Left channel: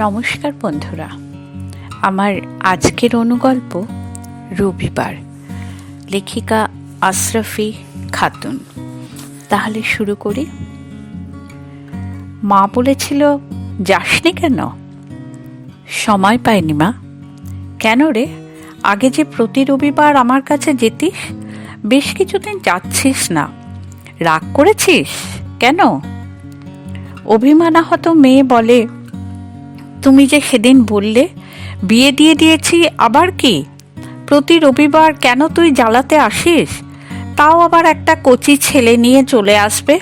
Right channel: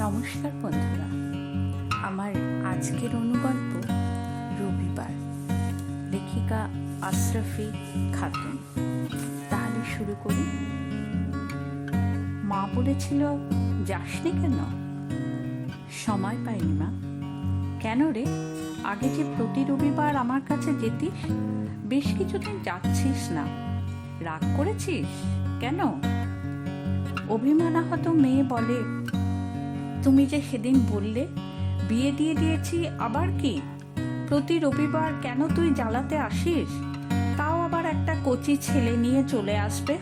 নমস্কার বন্ধুরা, আমার আজকের অনুগল্প রবিবার, লেখিকা আশরাফি খাতুন। তাহলে শুরু করি। মা বলেছিল, যাসনি কেন? সময় পাইনি মা। কেন রে? আগে যে প্রতি রবিবার আমার কাছে যেতিস, বেশ কিছুদিন যাচ্ছিস না। রাগ করেছিস কেন? অভিমানাহত মেয়ে বলে, তুমি যে সেদিন বললে বিয়ে দিয়ে দিয়েছি, আবার কি? প্রতি রবিবার কেন তুই জ্বালাতে আসিস? তাও আবার একটা কচি ছেলে নিয়ে চলে আসবে,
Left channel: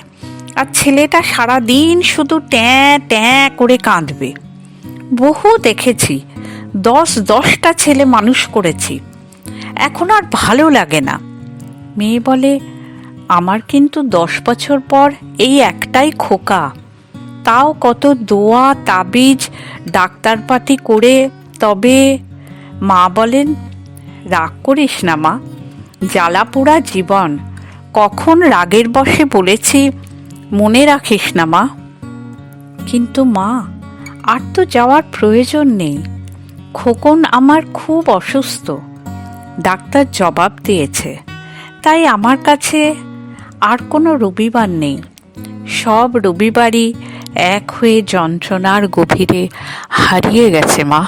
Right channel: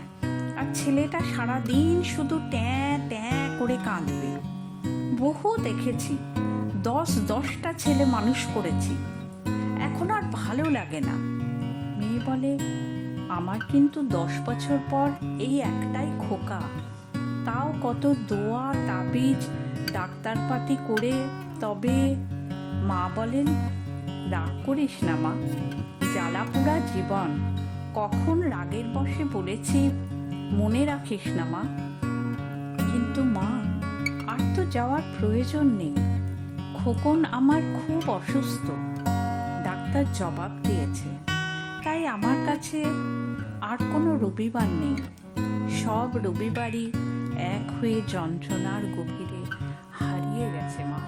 আর ছেলেটা সারা দিন শুধু ট্যাঁ ট্যাঁ করে কাঁদবে। বহু দেখেছি, 10টা ছেলে মানুষ করেছি, এখন আর ভালো লাগে না। মেয়ে বলে, আমার কিন্তু 10 বছর পর এই একটাই খোকা, তাও কত দোয়া তাবিজ ডাক্তারপাতি করে। তবে মা বলেন, রাগ করিস না মা, জ্বালা পোড়া জীবন, কখন রাগের বশে বলেছি মনে রাখিস না মা। কিন্তু মা, আর তো যাওয়ার প্রয়োজন নেই। খোকন আমার খুব অসুস্থ, ডাক্তার জবাব দিয়েছে। তাই আমার কাছে আর কোনো রবিবার নেই। সব রবিবারই এক হয়ে যন্ত্রণার গভীরে হারিয়ে গেছে মা।